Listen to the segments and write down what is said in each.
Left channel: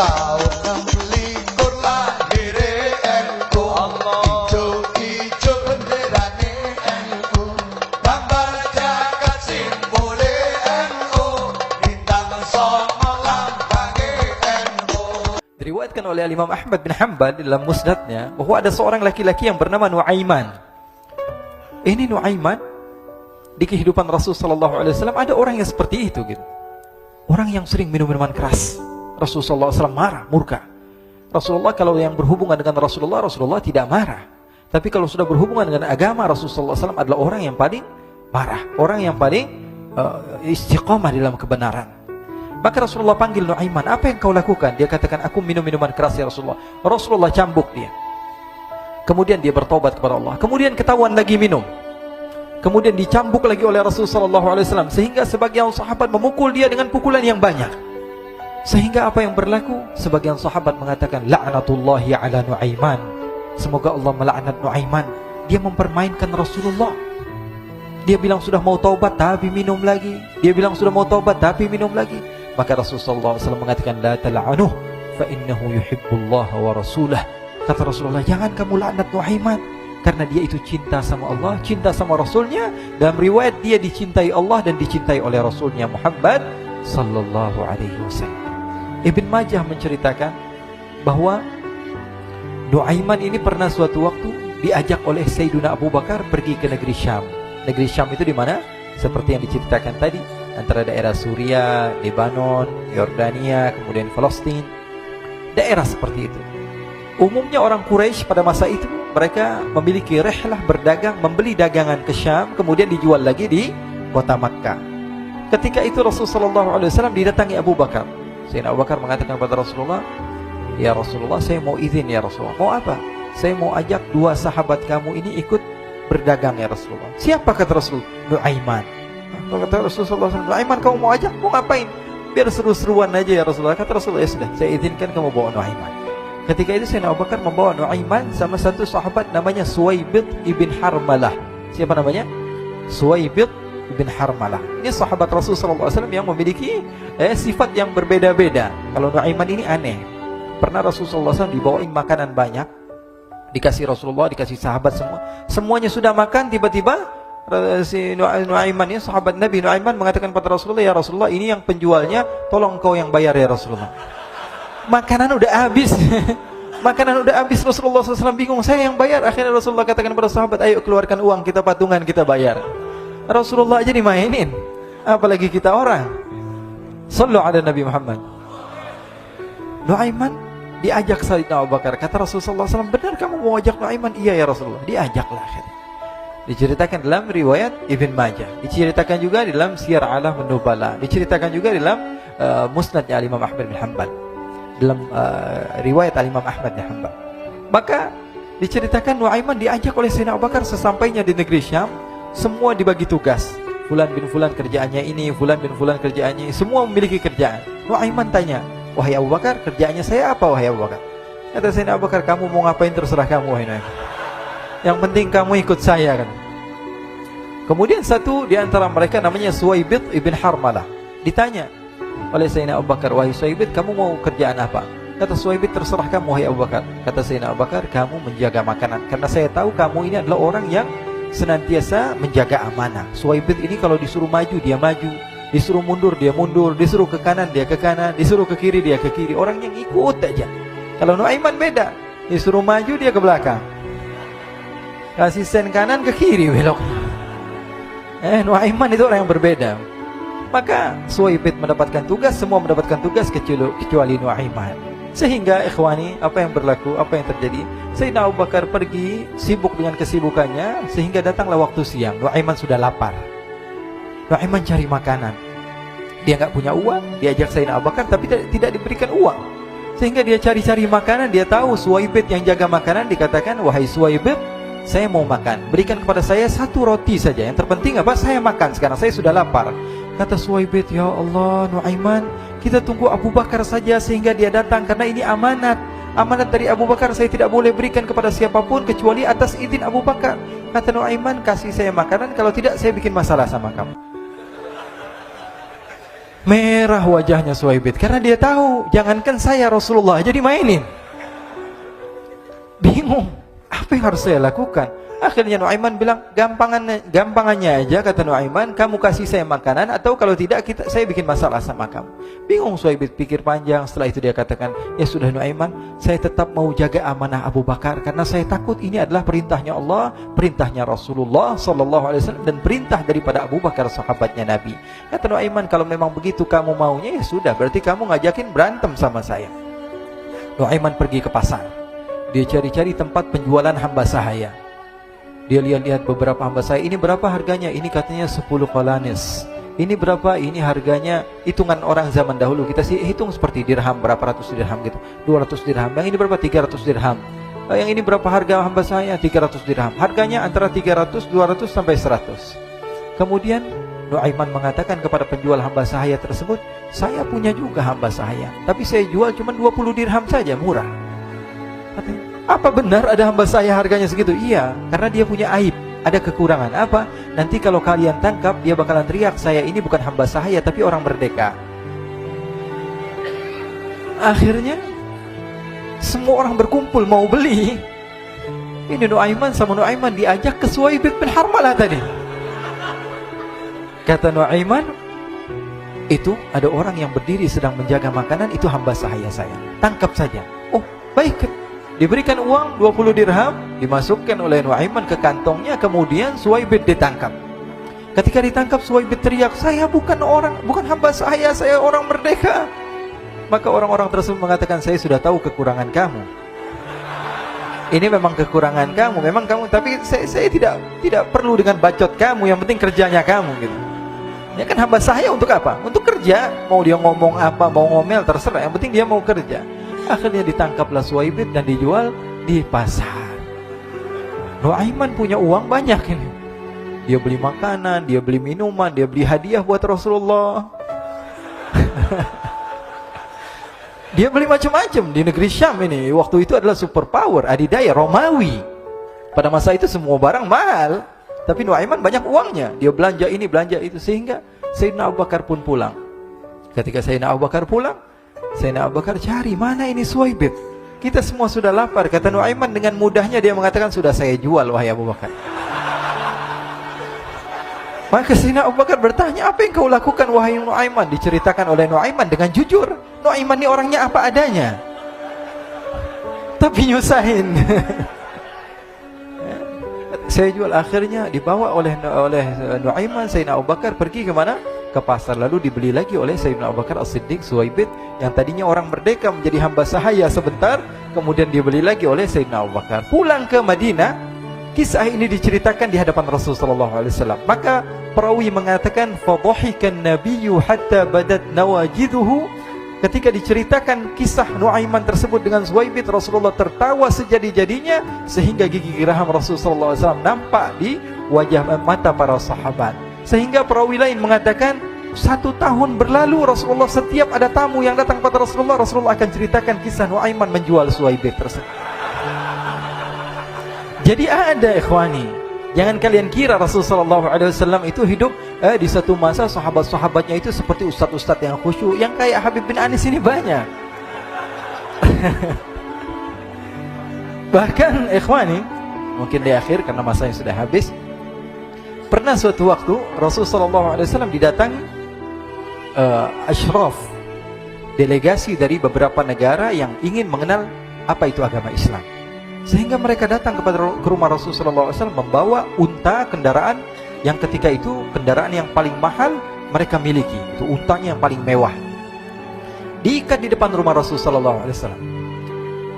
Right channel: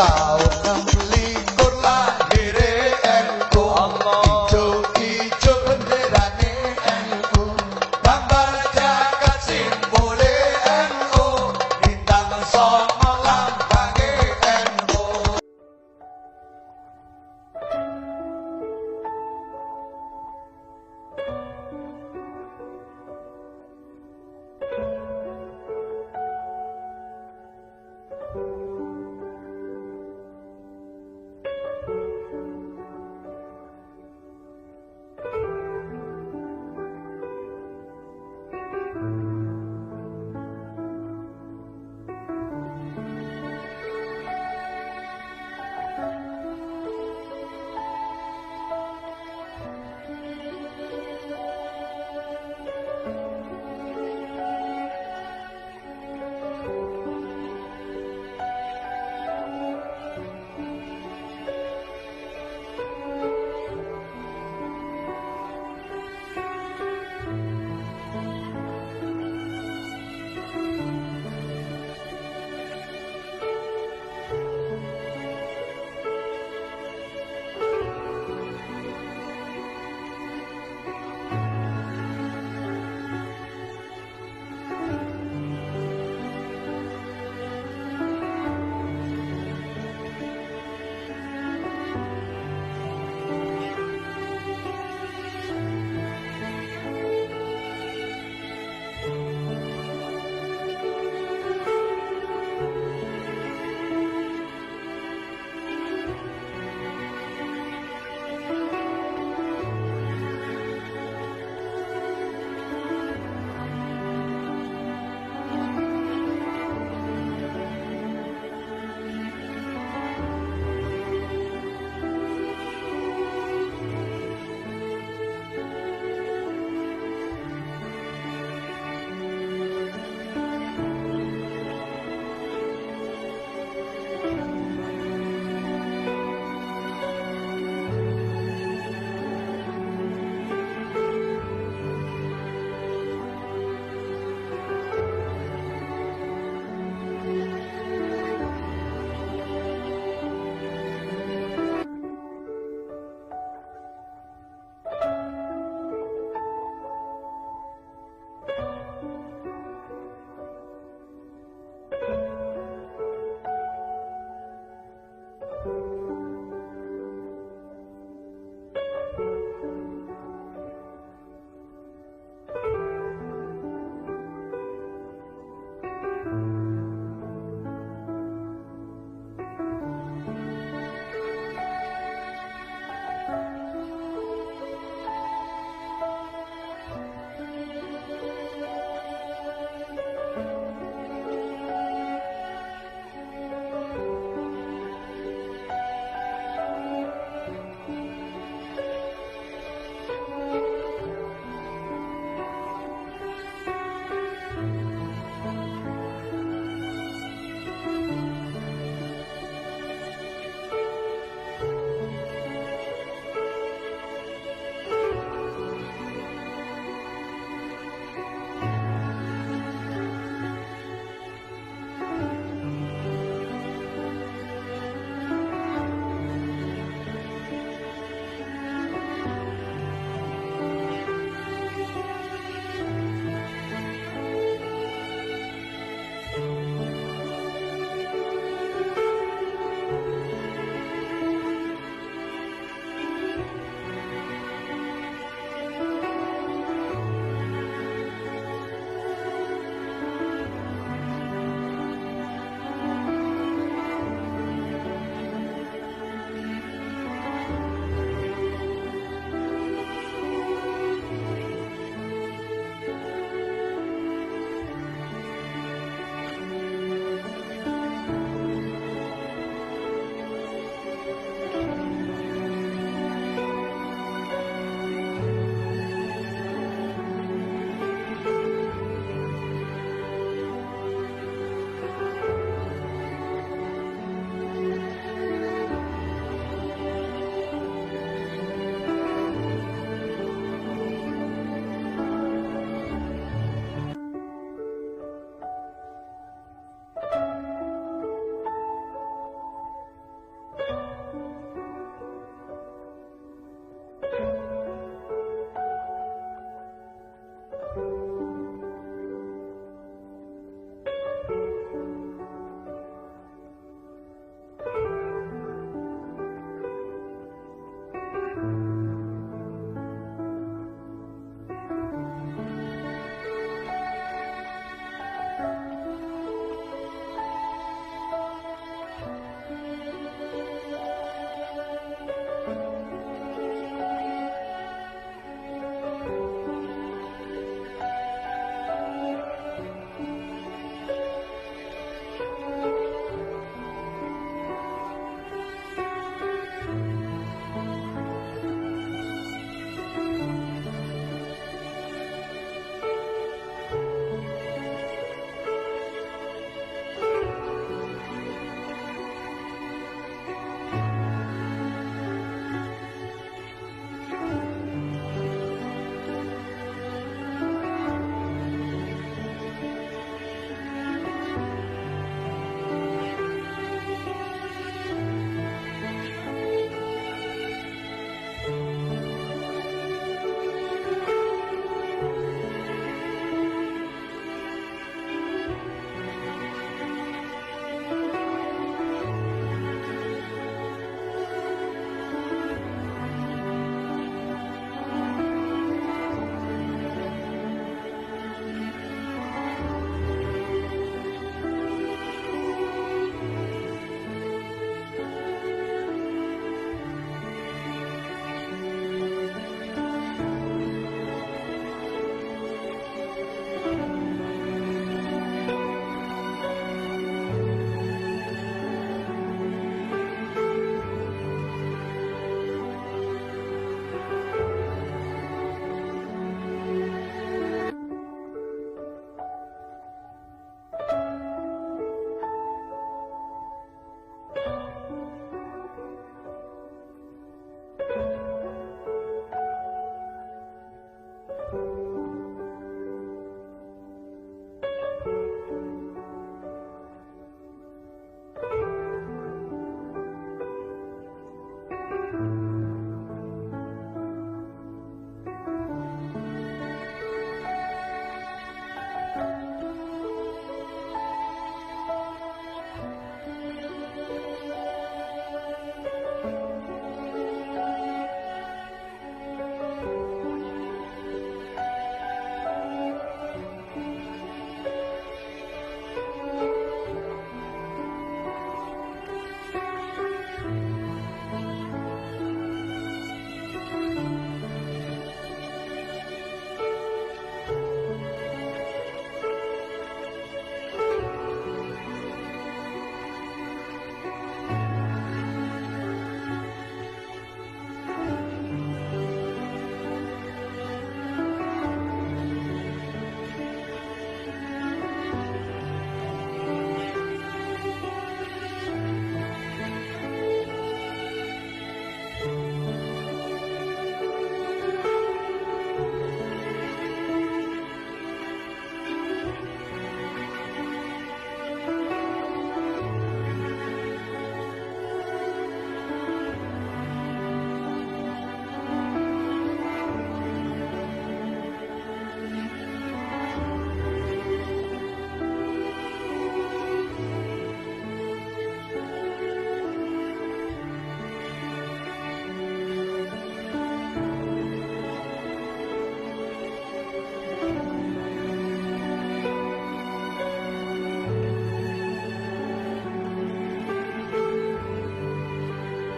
tahun 16 lahir NU. Ijo-ijo benderane NU, gambar jagat simbole NU, bintang songo lambange NU. Diriwayatkan oleh Imam Ahmad bin Hanbal dalam musnadnya bahwa ada seorang laki-laki yang bernama Nuaiman. Ini Nuaiman di kehidupan Rasul sallallahu alaihi wasallam ada orang yang seperti itu gitu. Orang yang sering minum minuman keras. Rasul sallallahu alaihi wasallam marah, murka. Rasulullah kalau yang berhubungan dengan Rasulullah tidak marah. Tapi kalau sudah berhubungan dengan agama, Rasul sallallahu alaihi wasallam adalah orang yang paling marah, orang yang paling istiqamah dalam kebenaran. Maka Rasulullah panggil Nuaiman, apa yang kau lakukan? Dia katakan, aku minum minuman keras ya Rasulullah. Rasulullah cambuk dia. Kemudian dia bertobat kepada Allah. Kemudian ketahuan lagi minum. Kemudian dicambuk lagi oleh Rasulullah sallallahu alaihi wasallam, sehingga sebagian sahabat memukul dia dengan pukulan yang banyak. Sehingga apa yang berlaku? Sebagian sahabat mengatakan, la'natullahi ala Nuaiman. Semoga Allah melaknat Nuaiman. Dia mempermainkan Rasulullah. Dia bilang sudah mau taubat tapi minum lagi. Dia bilang sudah mau taubat tapi minum lagi. Maka Rasulullah sallallahu alaihi wasallam mengatakan, la tal'anuh fa innahu yuhibbullaha wa rasulah. Kata Rasulullah, jangan kamu laknat Nuaiman, karena dia itu cinta sama Allah, cinta sama Rasulnya. Dalam riwayat dia dicintai Allah dan dicintai oleh Rasulnya Muhammad sallallahu alaihi wasallam. Ibn Majah menceritakan bahwa Nuaiman ini pernah suatu waktu diajak oleh Sayyidina Abu Bakar pergi ke negeri Syam. Negeri Syam itu di mana? Seperti yang diceritakan tadi, antara daerah Suriah, Lebanon, Yordania, kemudian Palestina. Daerah seperti itu. Umumnya orang Quraisy pada masa itu mereka memiliki rihlah berdagang, membeli dagangan ke Syam, kemudian dijual lagi di kota Makkah. Ketika itu Rasulullah SAW didatangi Abu Bakar. Sayyidina Abu Bakar mengatakan kepada Rasulullah, ya Rasulullah, saya mau izin ya Rasulullah. Mau apa? Saya mau ajak dua sahabat kamu ini ikut berdagang ya Rasulullah. Siapa kata Rasul? Nuaiman. Kata Rasulullah, Nuaiman kamu mau ajak? Mau ngapain? Biar seru-seruan aja ya Rasulullah. Kata Rasulullah, ya sudah, saya izinkan kamu bawa Nuaiman. Ketika itu Sayyidina Abu Bakar membawa Nuaiman sama satu sahabat namanya Suwaibid ibn Harmalah. Siapa namanya? Suwaibid ibn Harmalah. Ini sahabat Rasulullah SAW yang memiliki sifat yang berbeda-beda. Kalau Nuaiman ini aneh. Pernah Rasulullah SAW dibawain makanan banyak, dikasih Rasulullah, dikasih sahabat semua. Semuanya sudah makan, tiba-tiba si Nuaiman ini, sahabat Nabi Nuaiman mengatakan kepada Rasulullah, ya Rasulullah, ini yang penjualnya, tolong kau yang bayar ya Rasulullah. Makanan udah habis. Makanan udah habis, Rasulullah SAW bingung, saya yang bayar. Akhirnya Rasulullah katakan kepada sahabat, ayo keluarkan uang, kita patungan, kita bayar. Rasulullah aja dimainin, apalagi kita orang. Sallu ala Nabi Muhammad. Nuaiman diajak Sayyidina Abu Bakar. Kata Rasulullah SAW, benar kamu mau ajak Nuaiman? Iya ya Rasulullah. Diajaklah akhirnya. Diceritakan dalam riwayat Ibn Majah, diceritakan juga dalam Siyar A'lam An-Nubala, diceritakan juga dalam musnadnya Imam Ahmad bin Hanbal, dalam riwayat Imam Ahmad bin Hanbal. Maka diceritakan Nuaiman diajak oleh Sayyidina Abu Bakar. Sesampainya di negeri Syam, semua dibagi tugas. Fulan bin Fulan kerjaannya ini, Fulan bin Fulan kerjaannya ini, semua memiliki kerjaan. Nuaiman tanya, wahai Abu Bakar, kerjaannya saya apa wahai Abu Bakar? Kata Sayyidina Abu Bakar, kamu mau ngapain terserah kamu wahai Nuaiman. Yang penting kamu ikut saya kan. Kemudian satu di antara mereka namanya Suwaibid ibn Harmalah. Ditanya oleh Sayyidina Abu Bakar, wahai Suwaibid, kamu mau kerjaan apa? Kata Suwaibid, terserah kamu wahai Abu Bakar. Kata Sayyidina Abu Bakar, kamu menjaga makanan, karena saya tahu kamu ini adalah orang yang senantiasa menjaga amanah. Suwaibid ini kalau disuruh maju dia maju, disuruh mundur dia mundur, disuruh ke kanan dia ke kanan, disuruh ke kiri dia ke kiri. Orang yang ikut aja. Kalau Nuaiman beda, disuruh maju dia ke belakang, kasih sen kanan ke kiri belok. Nuaiman itu orang yang berbeda. Maka Suwaibid mendapatkan tugas, semua mendapatkan tugas kecuali Nuaiman. Sehingga ikhwani, apa yang berlaku, apa yang terjadi? Sayyidina Abu Bakar pergi sibuk dengan kesibukannya, sehingga datanglah waktu siang. Nuaiman sudah lapar. Nuaiman cari makanan. Dia nggak punya uang, diajak Sayyidina Abu Bakar tapi tidak diberikan uang. Sehingga dia cari-cari makanan. Dia tahu Suwaibid yang jaga makanan. Dikatakan, wahai Suwaibid, saya mau makan, berikan kepada saya satu roti saja. Yang terpenting apa? Saya makan sekarang, saya sudah lapar. Kata Suwaibid, ya Allah Nuaiman, kita tunggu Abu Bakar saja sehingga dia datang, karena ini amanat. Amanat dari Abu Bakar, saya tidak boleh berikan kepada siapapun kecuali atas izin Abu Bakar. Kata Nuaiman, kasih saya makanan, kalau tidak saya bikin masalah sama kamu. Merah wajahnya Suhaibit karena dia tahu jangankan saya, Rasulullah aja dimainin. Bingung, apa yang harus saya lakukan? Akhirnya Nuaiman bilang, gampangannya aja, kata Nuaiman, kamu kasih saya makanan, atau kalau tidak saya bikin masalah sama kamu. Bingung Suhaibit, pikir panjang. Setelah itu dia katakan, ya sudah Nuaiman, saya tetap mau jaga amanah Abu Bakar, karena saya takut ini adalah perintahnya Allah, perintahnya Rasulullah SAW, dan perintah daripada Abu Bakar, sahabatnya Nabi. Kata Nuaiman, kalau memang begitu kamu maunya, ya sudah, berarti kamu ngajakin berantem sama saya. Nuaiman pergi ke pasar. Dia cari-cari tempat penjualan hamba sahaya. Dia lihat-lihat beberapa hamba sahaya. Ini berapa harganya? Ini katanya 10 qalanis. Ini berapa? Ini harganya, hitungan orang zaman dahulu. Kita sih hitung seperti dirham, berapa ratus dirham gitu. 200 dirham. Yang ini berapa? 300 dirham. Yang ini berapa harga hamba sahaya? 300 dirham. Harganya antara 300, 200 sampai 100. Kemudian Nuaiman mengatakan kepada penjual hamba sahaya tersebut, saya punya juga hamba sahaya, tapi saya jual cuma 20 dirham saja, murah. Apa benar ada hamba saya harganya segitu? Iya, karena dia punya aib, ada kekurangan. Apa? Nanti kalau kalian tangkap, dia bakalan teriak, saya ini bukan hamba sahaya tapi orang merdeka. Akhirnya semua orang berkumpul mau beli. Ini Nuaiman sama Nuaiman diajak ke Suhaibit bin Harmalah tadi. Kata Nuaiman, itu ada orang yang berdiri sedang menjaga makanan, itu hamba sahaya saya, tangkap saja. Oh baik. Diberikan uang 20 dirham, dimasukkan oleh Nuaiman ke kantongnya, kemudian Suhaibit ditangkap. Ketika ditangkap, Suhaibit teriak, saya bukan hamba saya orang merdeka. Maka orang-orang tersebut mengatakan, saya sudah tahu kekurangan kamu. Ini memang kekurangan kamu, memang kamu, tapi saya tidak perlu dengan bacot kamu, yang penting kerjanya kamu gitu. Ya kan hamba saya untuk apa? Untuk kerja. Mau dia ngomong apa, mau ngomel terserah, yang penting dia mau kerja. Akhirnya ditangkaplah Suhaibit dan dijual di pasar. Nuaiman punya uang banyak ini. Dia beli makanan, dia beli minuman, dia beli hadiah buat Rasulullah. Dia beli macam-macam di negeri Syam ini. Waktu itu adalah superpower, adidaya Romawi. Pada masa itu semua barang mahal, tapi Nuaiman banyak uangnya. Dia belanja ini, belanja itu, sehingga Sayyidina Abu Bakar pun pulang. Ketika Sayyidina Abu Bakar pulang, Sayyidina Abu Bakar cari, mana ini Suhaibit? Kita semua sudah lapar. Kata Nuaiman dengan mudahnya dia mengatakan, sudah saya jual wahai Abu Bakar. Maka Sayyidina Abu Bakar bertanya, apa yang kau lakukan wahai Nuaiman? Diceritakan oleh Nuaiman dengan jujur. Nuaiman ini orangnya apa adanya, tapi nyusahin. Saya jual. Akhirnya dibawa oleh Nuaiman, Sayyidina Abu Bakar pergi ke mana? Ke pasar. Lalu dibeli lagi oleh Sayyidina Abu Bakar As-Siddiq, Suhaibit yang tadinya orang merdeka menjadi hamba sahaya sebentar, kemudian dibeli lagi oleh Sayyidina Abu Bakar. Pulang ke Madinah, kisah ini diceritakan di hadapan Rasulullah SAW. Maka perawi mengatakan, fadhahikan nabiyyu hatta badat nawajiduhu. Ketika diceritakan kisah Nuaiman tersebut dengan Suhaibit, Rasulullah tertawa sejadi-jadinya sehingga gigi geraham Rasulullah SAW nampak di wajah mata para sahabat. Sehingga perawi lain mengatakan 1 tahun berlalu Rasulullah, setiap ada tamu yang datang kepada Rasulullah, Rasulullah akan ceritakan kisah Nuaiman menjual Suhaibit tersebut. Jadi ada ikhwani, jangan kalian kira Rasulullah SAW itu hidup di satu masa sahabat-sahabatnya itu seperti ustadz-ustadz yang khusyuk, yang kayak Habib bin Anis ini banyak. Bahkan ikhwani, mungkin di akhir karena masanya sudah habis, pernah suatu waktu Rasulullah SAW didatangi asyraf, delegasi dari beberapa negara yang ingin mengenal apa itu agama Islam. Sehingga mereka datang ke rumah Rasulullah SAW membawa unta, kendaraan yang ketika itu kendaraan yang paling mahal mereka miliki. Itu untanya yang paling mewah. Diikat di depan rumah Rasulullah SAW.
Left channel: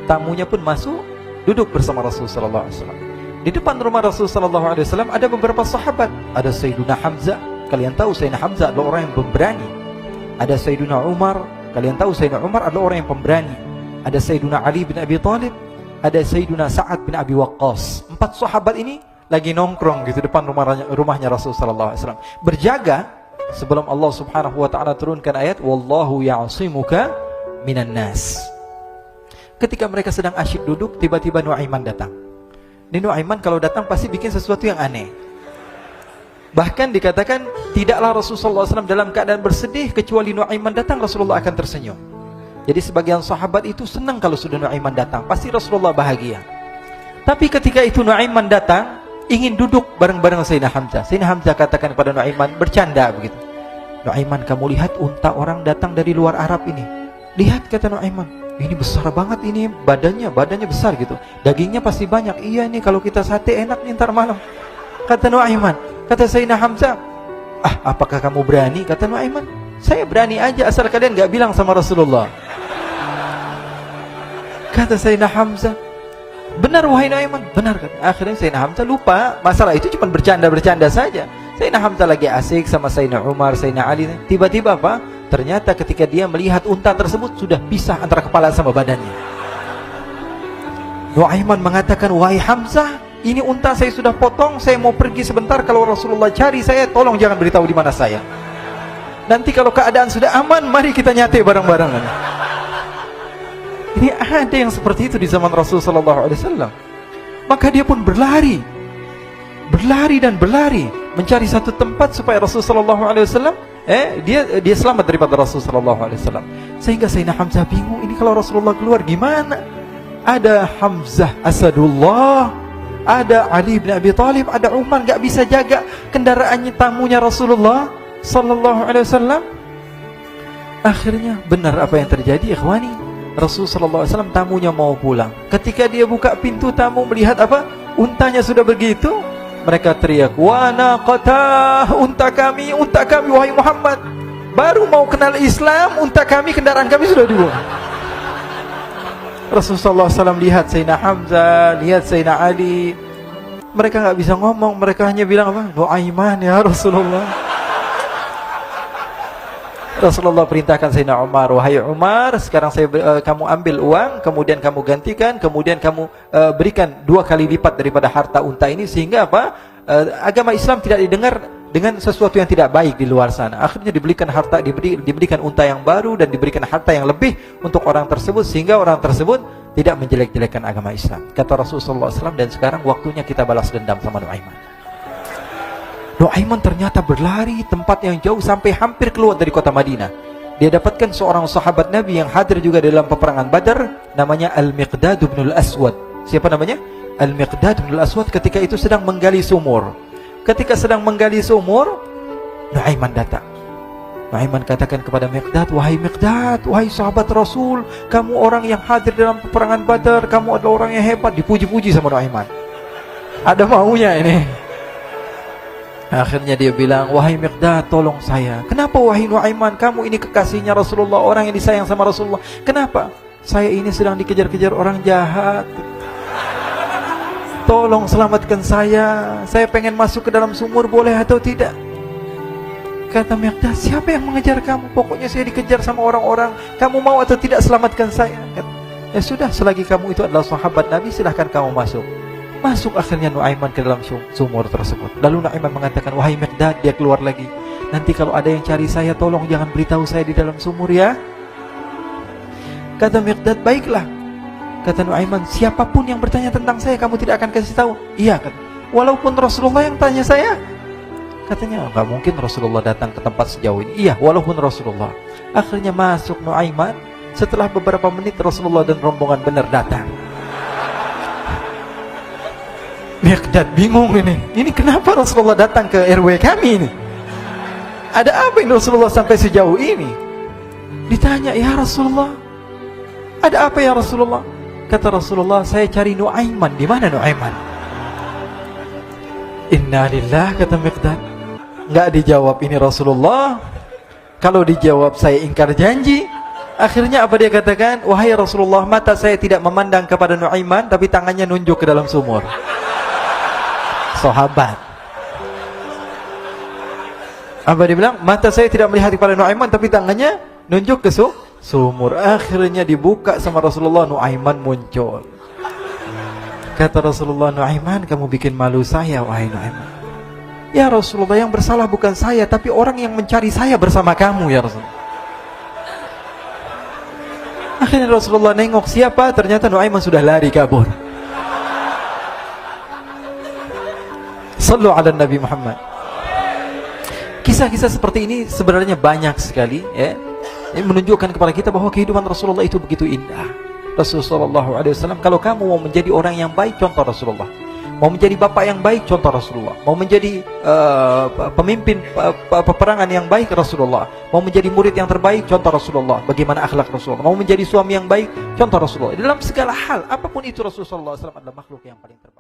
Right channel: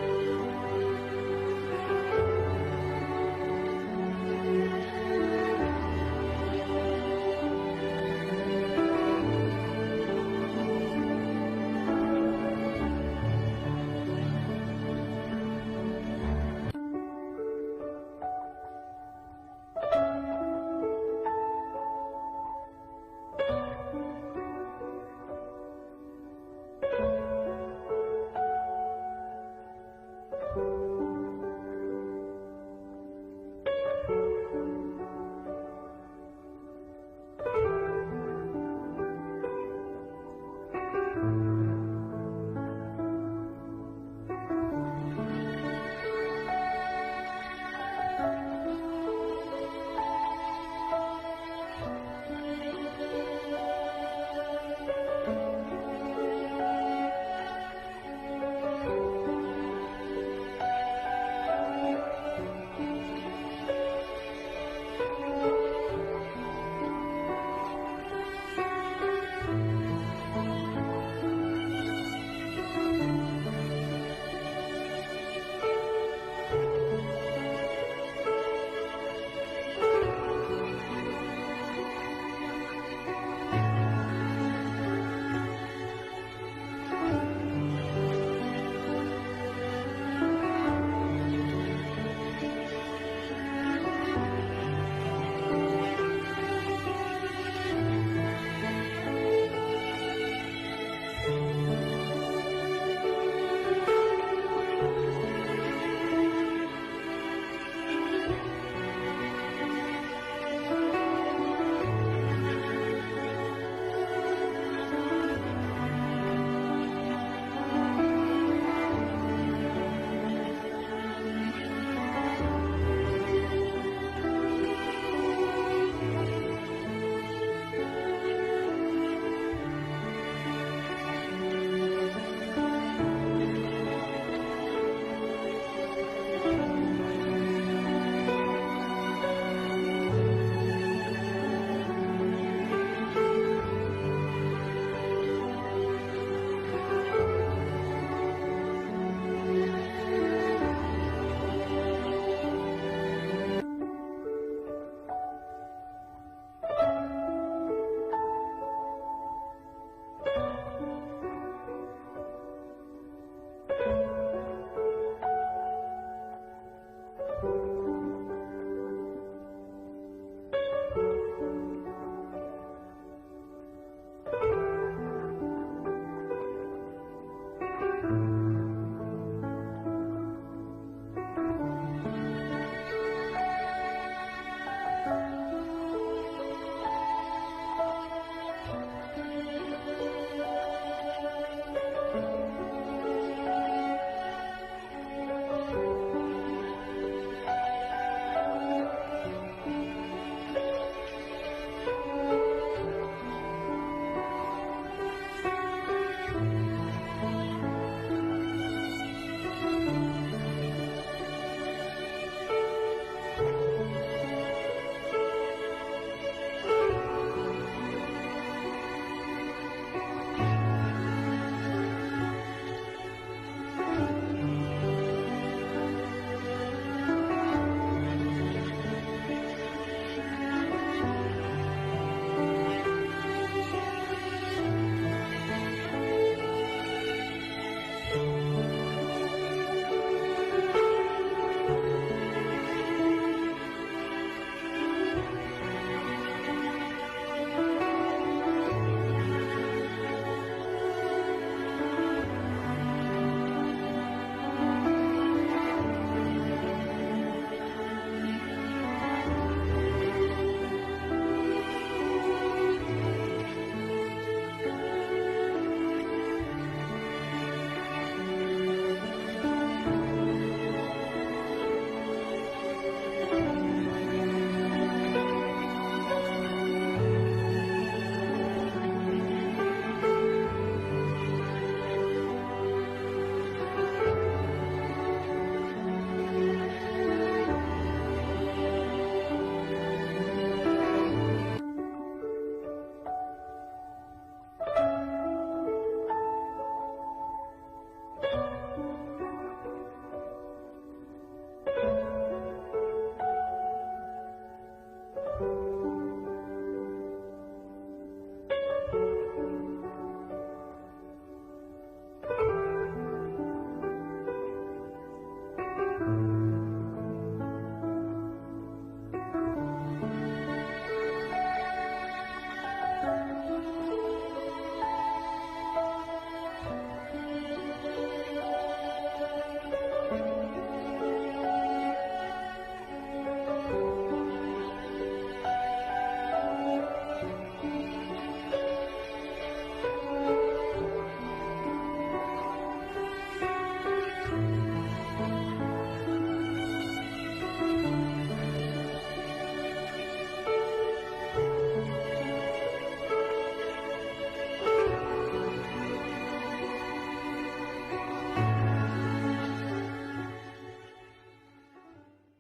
Tamunya pun masuk, duduk bersama Rasulullah SAW. Di depan rumah Rasulullah SAW ada beberapa sahabat. Ada Sayyiduna Hamzah. Kalian tahu Sayyidina Hamzah adalah orang yang pemberani. Ada Sayyiduna Umar. Kalian tahu Sayyidina Umar adalah orang yang pemberani. Ada Sayyiduna Ali bin Abi Thalib. Ada Sayyiduna Sa'ad bin Abi Waqqas. 4 sahabat ini lagi nongkrong gitu depan rumahnya Rasulullah SAW, berjaga sebelum Allah Subhanahu wa taala turunkan ayat wallahu ya'simuka minan nas. Ketika mereka sedang asyik duduk, tiba-tiba Nuaiman datang. Ini Nuaiman kalau datang pasti bikin sesuatu yang aneh. Bahkan dikatakan tidaklah Rasulullah SAW dalam keadaan bersedih kecuali Nuaiman datang Rasulullah akan tersenyum. Jadi sebagian sahabat itu senang kalau sudah Nuaiman datang, pasti Rasulullah bahagia. Tapi ketika itu Nuaiman datang, ingin duduk bareng-bareng Sayyidina Hamzah. Sayyidina Hamzah katakan kepada Nuaiman, bercanda begitu. Nuaiman, kamu lihat unta orang datang dari luar Arab ini. Lihat, kata Nuaiman, ini besar banget, ini badannya besar gitu. Dagingnya pasti banyak. Iya, ini kalau kita sate enak nih ntar malam. Kata Nuaiman. Kata Sayyidina Hamzah, apakah kamu berani? Kata Nuaiman, saya berani aja asal kalian gak bilang sama Rasulullah. Kata Sayyidina Hamzah, benar wahai Nuaiman, benar kan? Akhirnya Sayyidina Hamzah lupa masalah itu, cuma bercanda-bercanda saja. Sayyidina Hamzah lagi asik sama Sayyidina Umar, Sayyidina Ali. Tiba-tiba apa? Ternyata ketika dia melihat unta tersebut sudah pisah antara kepala sama badannya. Nuaiman mengatakan, wahai Hamzah, ini unta saya sudah potong, saya mau pergi sebentar. Kalau Rasulullah cari saya, tolong jangan beritahu di mana saya. Nanti kalau keadaan sudah aman, mari kita nyate bareng-bareng. Ini ada yang seperti itu di zaman Rasulullah SAW. Maka dia pun berlari dan berlari mencari satu tempat supaya Rasulullah SAW dia selamat daripada Rasulullah SAW. Sehingga Sayyidina Hamzah bingung, ini kalau Rasulullah keluar gimana? Ada Hamzah Asadullah, ada Ali bin Abi Thalib, ada Umar, gak bisa jaga kendaraannya, tamunya Rasulullah sallallahu alaihi wasallam. Akhirnya benar apa yang terjadi, ikhwani. Rasulullah sallallahu alaihi wasallam tamunya mau pulang. Ketika dia buka pintu tamu melihat apa? Untanya sudah begitu. Mereka teriak, "Wa naqatah, unta kami wahai Muhammad. Baru mau kenal Islam, unta kami, kendaraan kami sudah dibuang." Rasulullah SAW lihat Sayyidina Hamzah, lihat Sayyidina Ali. Mereka gak bisa ngomong, mereka hanya bilang apa? Nuaiman ya Rasulullah. Rasulullah perintahkan Sayyidina Umar, wahai Umar, sekarang kamu ambil uang, kemudian kamu gantikan, kemudian kamu berikan 2 kali lipat daripada harta unta ini, sehingga apa? Agama Islam tidak didengar dengan sesuatu yang tidak baik di luar sana. Akhirnya diberikan harta, diberikan unta yang baru dan diberikan harta yang lebih untuk orang tersebut, sehingga orang tersebut tidak menjelek-jelekan agama Islam. Kata Rasulullah SAW, dan sekarang waktunya kita balas dendam sama Nuaiman. Nuaiman ternyata berlari tempat yang jauh sampai hampir keluar dari kota Madinah. Dia dapatkan seorang sahabat Nabi yang hadir juga dalam peperangan Badar, namanya Al-Miqdad bin Al-Aswad. Siapa namanya? Al-Miqdad bin Al-Aswad ketika itu sedang menggali sumur. Ketika sedang menggali sumur, Nuaiman datang. Nuaiman katakan kepada Miqdad, wahai Miqdad, wahai sahabat Rasul, kamu orang yang hadir dalam peperangan Badar, kamu adalah orang yang hebat. Dipuji-puji sama Nuaiman. Ada maunya ini. Akhirnya dia bilang, wahai Miqdad, tolong saya. Kenapa wahai Nuaiman, kamu ini kekasihnya Rasulullah, orang yang disayang sama Rasulullah. Kenapa? Saya ini sedang dikejar-kejar orang jahat. Tolong selamatkan saya. Saya pengen masuk ke dalam sumur, boleh atau tidak? Kata Miqdad, siapa yang mengejar kamu? Pokoknya saya dikejar sama orang-orang. Kamu mau atau tidak selamatkan saya? Ya sudah, selagi kamu itu adalah sahabat Nabi, silahkan kamu masuk. Masuk akhirnya Nuaiman ke dalam sumur tersebut. Lalu Nuaiman mengatakan, wahai Miqdad, dia keluar lagi. Nanti kalau ada yang cari saya, tolong jangan beritahu saya di dalam sumur ya. Kata Miqdad, baiklah. Kata Nuaiman, siapapun yang bertanya tentang saya, kamu tidak akan kasih tahu. Iya, kan? Walaupun Rasulullah yang tanya saya. Katanya, enggak mungkin Rasulullah datang ke tempat sejauh ini. Iya, walaupun Rasulullah. Akhirnya masuk Nuaiman. Setelah beberapa menit Rasulullah dan rombongan benar datang. Miqdad bingung ini. Ini kenapa Rasulullah datang ke RW kami ini? Ada apa ini Rasulullah sampai sejauh ini? Ditanya, ya Rasulullah, ada apa ya Rasulullah? Kata Rasulullah, saya cari Nuaiman. Di mana Nuaiman? Innalillah, kata Miqdad. Enggak dijawab ini Rasulullah. Kalau dijawab saya ingkar janji. Akhirnya apa dia katakan? Wahai Rasulullah, mata saya tidak memandang kepada Nuaiman, tapi tangannya nunjuk ke dalam sumur. Sahabat. Apa dia bilang? Mata saya tidak melihat kepada Nuaiman, tapi tangannya nunjuk ke sumur. Akhirnya dibuka sama Rasulullah, Nuaiman muncul. Kata Rasulullah, Nuaiman, kamu bikin malu saya, wahai Nuaiman. Ya Rasulullah, yang bersalah bukan saya, tapi orang yang mencari saya bersama kamu ya Rasulullah. Akhirnya Rasulullah nengok siapa, ternyata Nuaiman sudah lari kabur. Sallu ala Nabi Muhammad. Kisah-kisah seperti ini sebenarnya banyak sekali, ya. Ini menunjukkan kepada kita bahwa kehidupan Rasulullah itu begitu indah. Rasulullah SAW, kalau kamu mau menjadi orang yang baik, contoh Rasulullah. Mau menjadi bapak yang baik, contoh Rasulullah. Mau menjadi pemimpin peperangan yang baik, Rasulullah. Mau menjadi murid yang terbaik, contoh Rasulullah. Bagaimana akhlak Rasulullah. Mau menjadi suami yang baik, contoh Rasulullah. Dalam segala hal, apapun itu Rasulullah SAW adalah makhluk yang paling terbaik.